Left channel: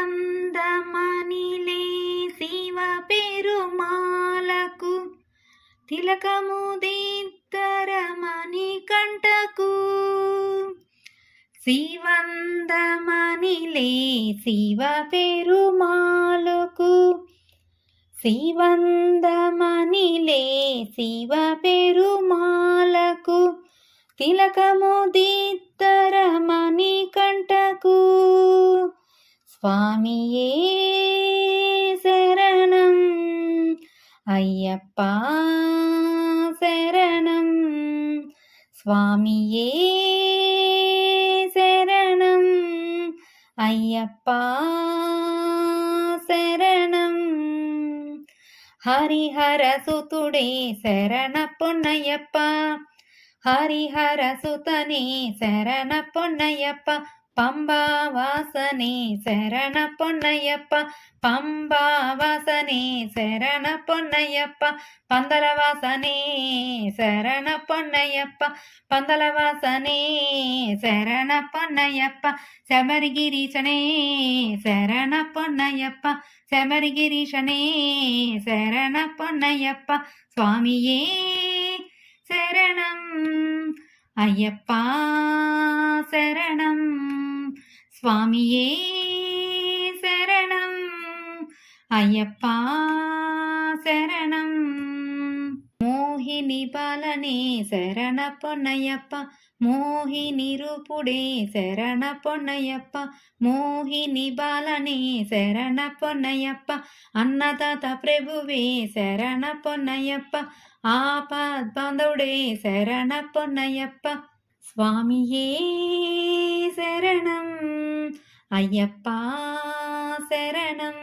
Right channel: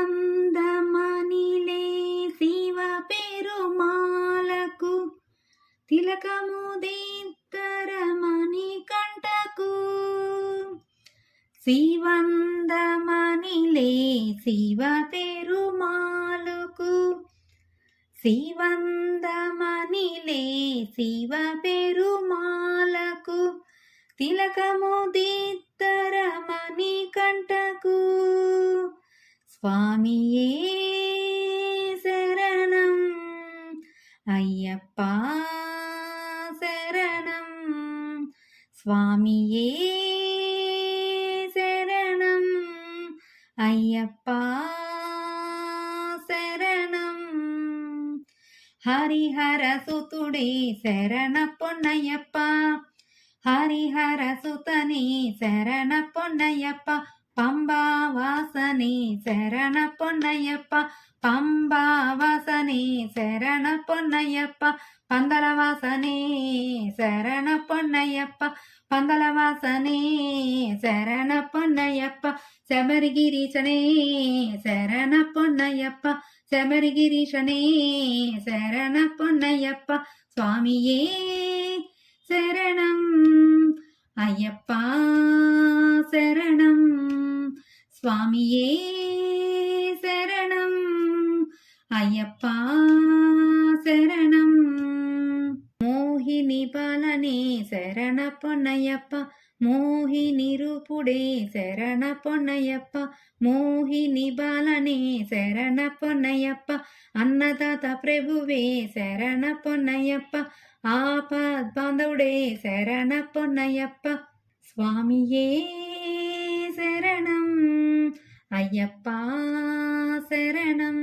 శ్రీవందమణిలే శివ పెరుమాలకు తిలకము దిద్దరమణి కంటకు శ్రీవందమణిలే శివ పెరుమాలకు శ్రీవందమణిలే శివ పెరుమాలకు తిలకము దిద్దరమణి కంటకు స్వామియే శరణం అయ్యప్ప శరణం స్వామియే శరణం అయ్యప్ప శరణం హరిహర సుతుడే శరణ పొన్నయ్యప్ప హరిహర సుతనే శరణ పొన్నయ్యప్ప పంబావాసనే శరణ పొన్నయ్యప్ప పంబావాసనే శరణ పొన్నయ్యప్ప పందలవాసనే శరణ పొన్నయ్యప్ప పందలవాసనే శరణ పొన్నయ్యప్ప శబరిగిరీశనే శరణ పొన్నయ్యప్ప శబరిగిరీశనే శరణ పొన్నయ్యప్ప స్వామియే శరణం అయ్యప్ప శరణం స్వామియే శరణం అయ్యప్ప శరణం మోహిని బాలనే శరణ పొన్నయ్యప్ప మోహిని రూపుడే శరణ పొన్నయ్యప్ప మోహిని బాలనే శరణ పొన్నయ్యప్ప అన్నదాత ప్రభువే శరణ పొన్నయ్యప్ప ఆపద్బాంధవుడే శరణ పొన్నయ్యప్ప స్వామియే శరణం అయ్యప్ప శరణం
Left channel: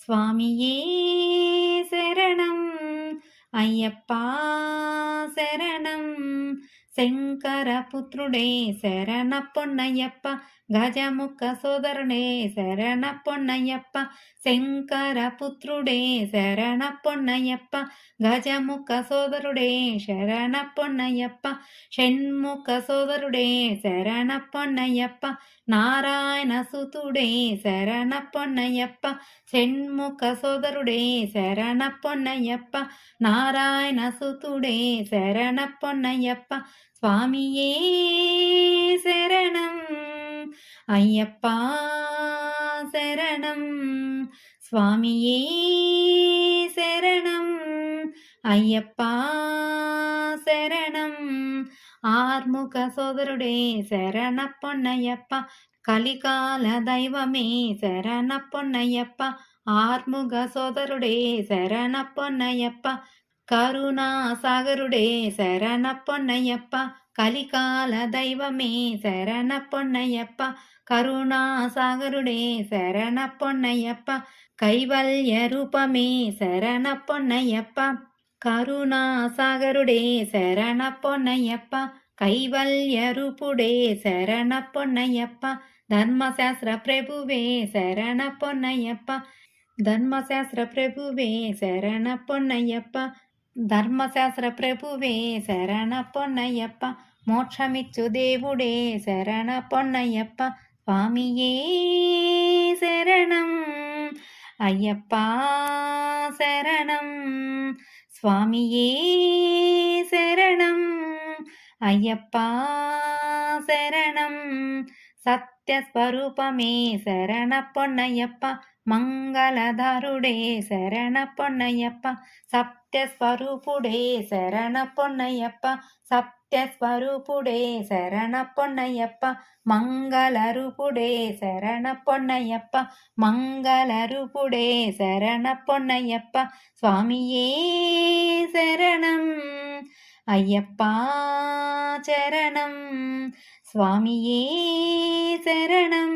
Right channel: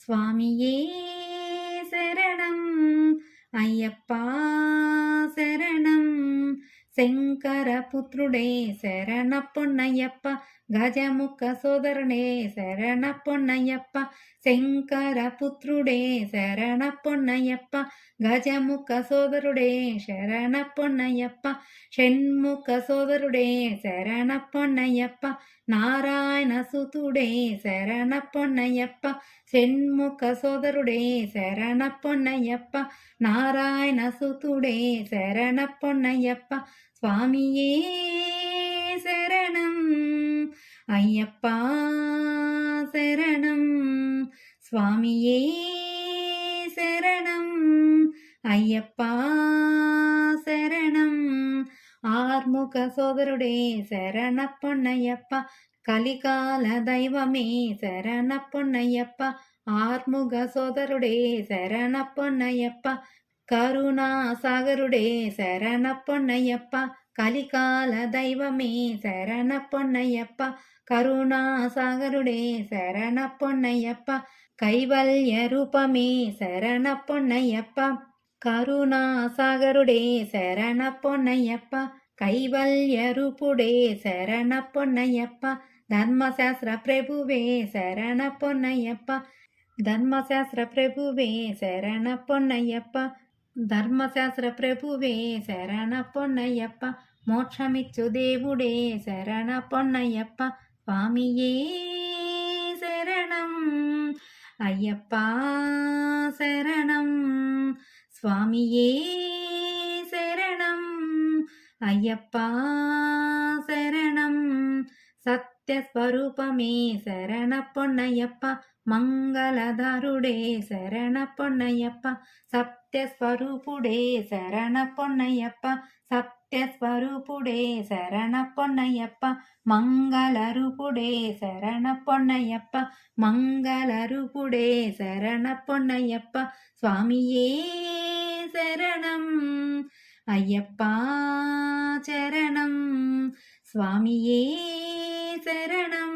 స్వామియే శరణం అయ్యప్ప శరణం శంకరపుత్రుడే శరణ పొన్నయ్యప్ప గజముఖ సోదరుడే శరణ పొన్నయ్యప్ప శంకరపుత్రుడే శరణ పొన్నయ్యప్ప గజముఖ సోదరుడే శరణ పొన్నయ్యప్ప షణ్ముఖ సోదరుడే శరణ పొన్నయ్యప్ప నారాయణ సుతుడే శరణ పొన్నయ్యప్ప షణ్ముఖ సోదరుడే శరణ పొన్నయ్యప్ప నారాయణ సుతుడే శరణ పొన్నయ్యప్ప స్వామియే శరణం అయ్యప్ప శరణం స్వామియే శరణం అయ్యప్ప శరణం ఆర్ముఖ సోదరుడే శరణ పొన్నయ్యప్ప కలికాల దైవమే శరణ పొన్నయ్యప్ప ఆర్ముఖ సోదరుడే శరణ పొన్నయ్యప్ప కరుణా సాగరుడే శరణ పొన్నయ్యప్ప కలికాల దైవమే శరణ పొన్నయ్యప్ప కరుణా సాగరుడే శరణ పొన్నయ్యప్ప కైవల్య రూపమే శరణ పొన్నయ్యప్ప కరుణా సాగరుడే శరణ పొన్నయ్యప్ప కైవల్య రూపుడే శరణ పొన్నయ్యప్ప ధర్మశాస్త్ర ప్రభువే శరణ పొన్నయ్యప్ప ధర్మశాస్త్ర ప్రభువే శరణ పొన్నయ్యప్ప ధర్మశాస్త్ర ప్రభువే శరణ పొన్నయ్యప్ప మోక్షమిచ్చు దేవుడే శరణ పొన్నయ్యప్ప స్వామియే శరణం అయ్యప్ప శరణం స్వామియే శరణం అయ్యప్ప శరణం సత్యస్వరూపమే శరణ పొన్నయ్యప్ప మంగళధారుడే శరణ పొన్నయ్యప్ప సత్యస్వరూపుడే శరణ పొన్నయ్యప్ప సత్యస్వరూపుడే శరణ పొన్నయ్యప్ప మంగళరూపుడే శరణ పొన్నయ్యప్ప మంగళరూపుడే శరణ పొన్నయ్యప్ప స్వామియే శరణం అయ్యప్ప చరణం స్వామియే శరణం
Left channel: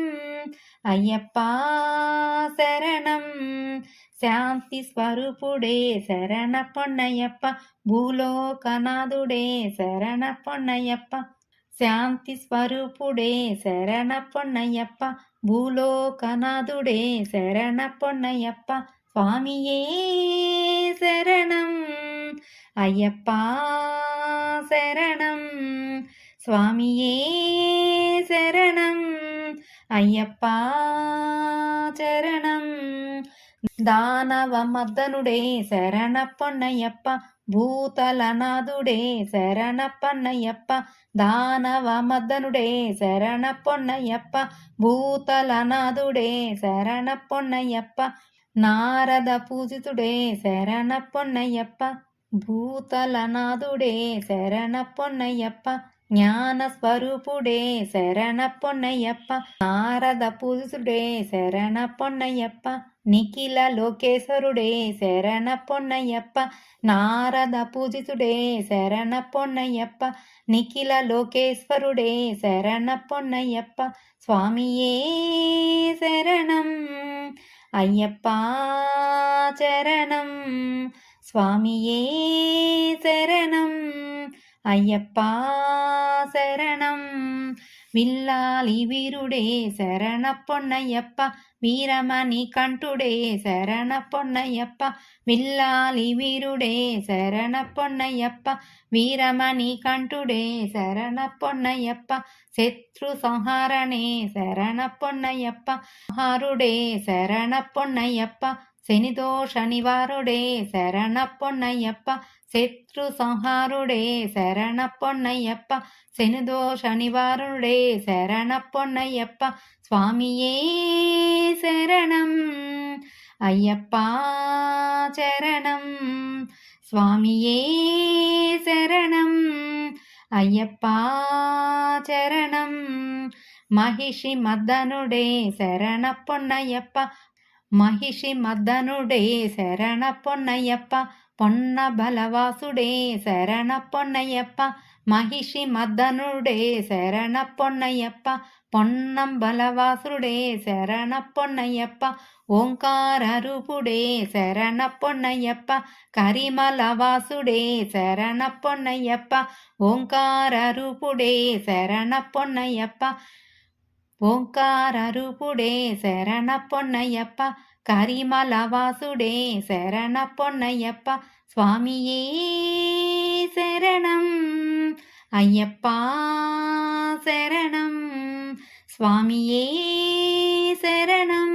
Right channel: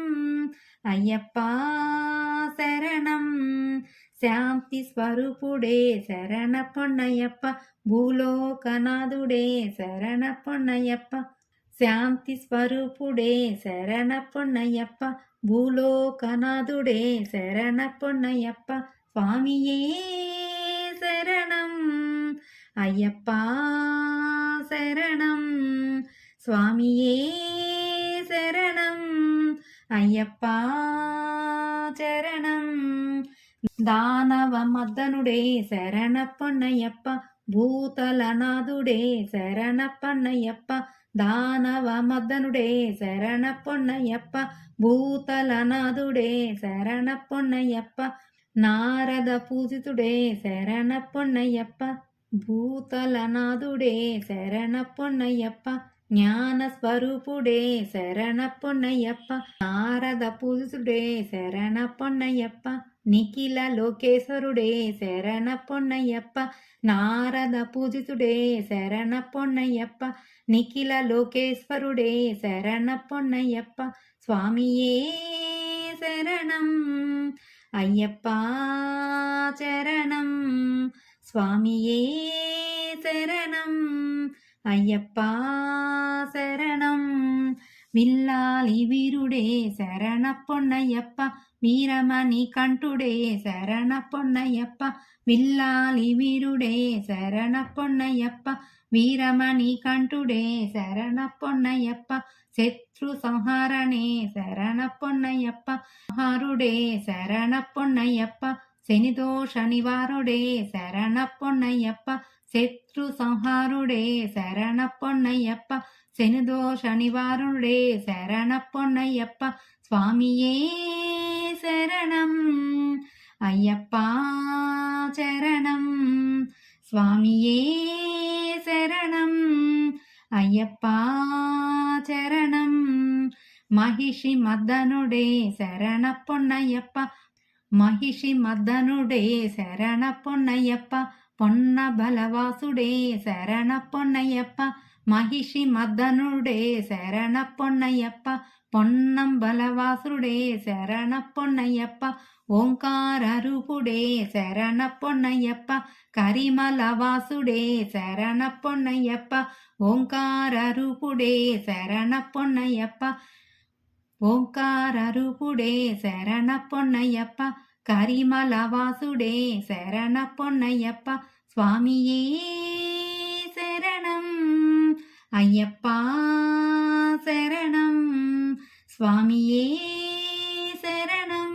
అయ్యప్ప శరణం శాంతి స్వరూపుడే శరణ పొన్నయ్యప్ప భూలోకనాథుడే శరణ పొన్నయ్యప్ప శాంతి స్వరూపుడే శరణ పొన్నయ్యప్ప భూలోకనాథుడే శరణ పొన్నయ్యప్ప స్వామియే శరణం అయ్యప్ప శరణం స్వామియే శరణం అయ్యప్ప చరణం దానవ మద్దనుడే శరణప్పన్నయ్యప్ప భూతలనాథుడే శరణప్పన్నయ్యప్ప దానవ మద్దనుడే శరణప్పన్నయ్యప్ప భూతలనాథుడే శరణప్పన్నయ్యప్ప నారద పూజితుడే శరణప్పన్నయ్యప్ప భూతలనాథుడే శరణప్పన్నయ్యప్ప జ్ఞాన స్వరూపుడే శరణప్పన్నయ్యప్ప నారద పూజితుడే శరణప్పన్నయ్యప్ప నిఖిల లోకేశ్వరుడే శరణప్పన్నయ్యప్ప నారద పూజితుడే శరణప్పన్నయ్యప్ప నిఖిల లోకేశ్వరుడే శరణప్పన్నయ్యప్ప స్వామియే శరణం అయ్యప్ప చరణం స్వామియే శరణం అయ్యప్ప శరణం విల్లాలి వీరుడే శరణప్పన్నయ్యప్ప వీరమణి కంఠుడే శరణప్పన్నయ్యప్ప విల్లాలి వీరుడే శరణప్పన్నయ్యప్ప వీరమణి కంఠుడే శరణప్పన్నయ్యప్ప శత్రు సంహారణే శరణప్పన్నయ్యప్ప సంహారుడే శరణప్పన్నయ్యప్ప శనిదోష నివారుడే శరణప్పన్నయ్యప్ప శత్రు సంహారుడే శరణప్పన్నయ్యప్ప శనిదోష నివారుడే శరణప్పన్నయ్యప్ప స్వామియే శరణం అయ్యప్ప చరణం స్వామియే శరణం అయ్యప్ప చరణం మహిషి మద్దనుడే శరణప్పన్నయ్యప్ప మహిషి మద్దనుడే శరణప్పన్నయ్యప్ప పొన్న బలవాసుడే శరణప్పన్నయ్యప్ప మహిషి మద్దనుడే శరణప్పన్నయ్యప్ప పొన్నం బలవాసుడే శరణప్పన్నయ్యప్ప ఓంకార రూపుడే శరణప్పన్నయ్యప్ప కరిమలవాసుడే శరణప్పన్నయ్యప్ప ఓంకార రూపుడే శరణప్పన్నయ్యప్ప ఓంకార రూపుడే శరణప్పన్నయ్యప్ప కరిమలవాసుడే శరణప్పన్నయ్యప్ప స్వామియే శరణం అయ్యప్ప శరణం స్వామియే శరణం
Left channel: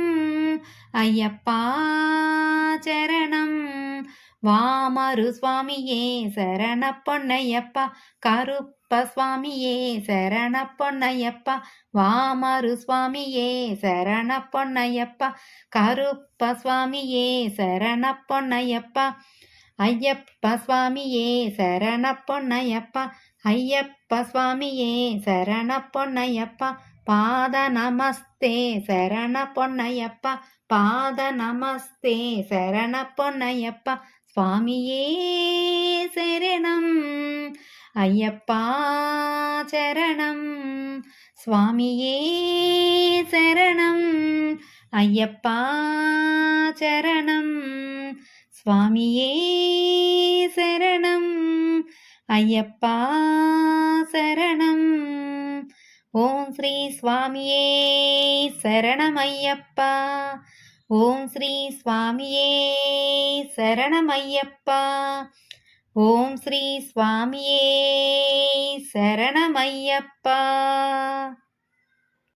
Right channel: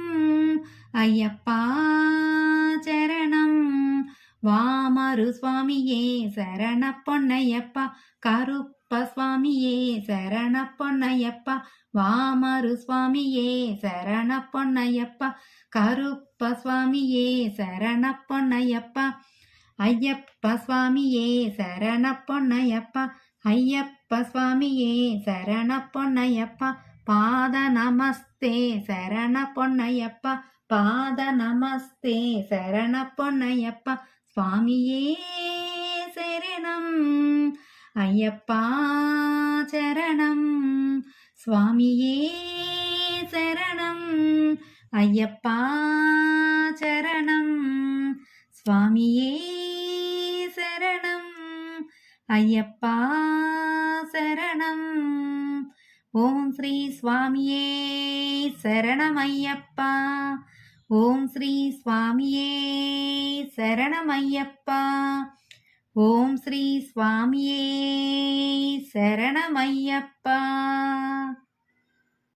అయ్యప్ప చరణం వామరు స్వామియే శరణప్పన్నయ్యప్ప కరుప్ప స్వామియే శరణప్పన్నయ్యప్ప వామరు స్వామియే శరణప్పన్నయ్యప్ప కరుప్ప స్వామియే శరణప్పన్నయ్యప్ప అయ్యప్ప స్వామియే శరణప్పన్నయ్యప్ప అయ్యప్ప స్వామియే శరణప్పన్నయ్యప్ప పాద నమస్తే శరణప్పన్నయ్యప్ప పాద నమస్తే శరణప్పన్నయ్యప్ప స్వామియే శరణం అయ్యప్ప చరణం స్వామియే శరణం అయ్యప్ప చరణం స్వామియే శరణం అయ్యప్ప శరణం ఓం శ్రీ స్వామియే శరణమయ్యప్ప ఓం శ్రీ స్వామియే శరణమయ్యప్ప ఓం శ్రీ స్వామియే శరణమయ్యప్ప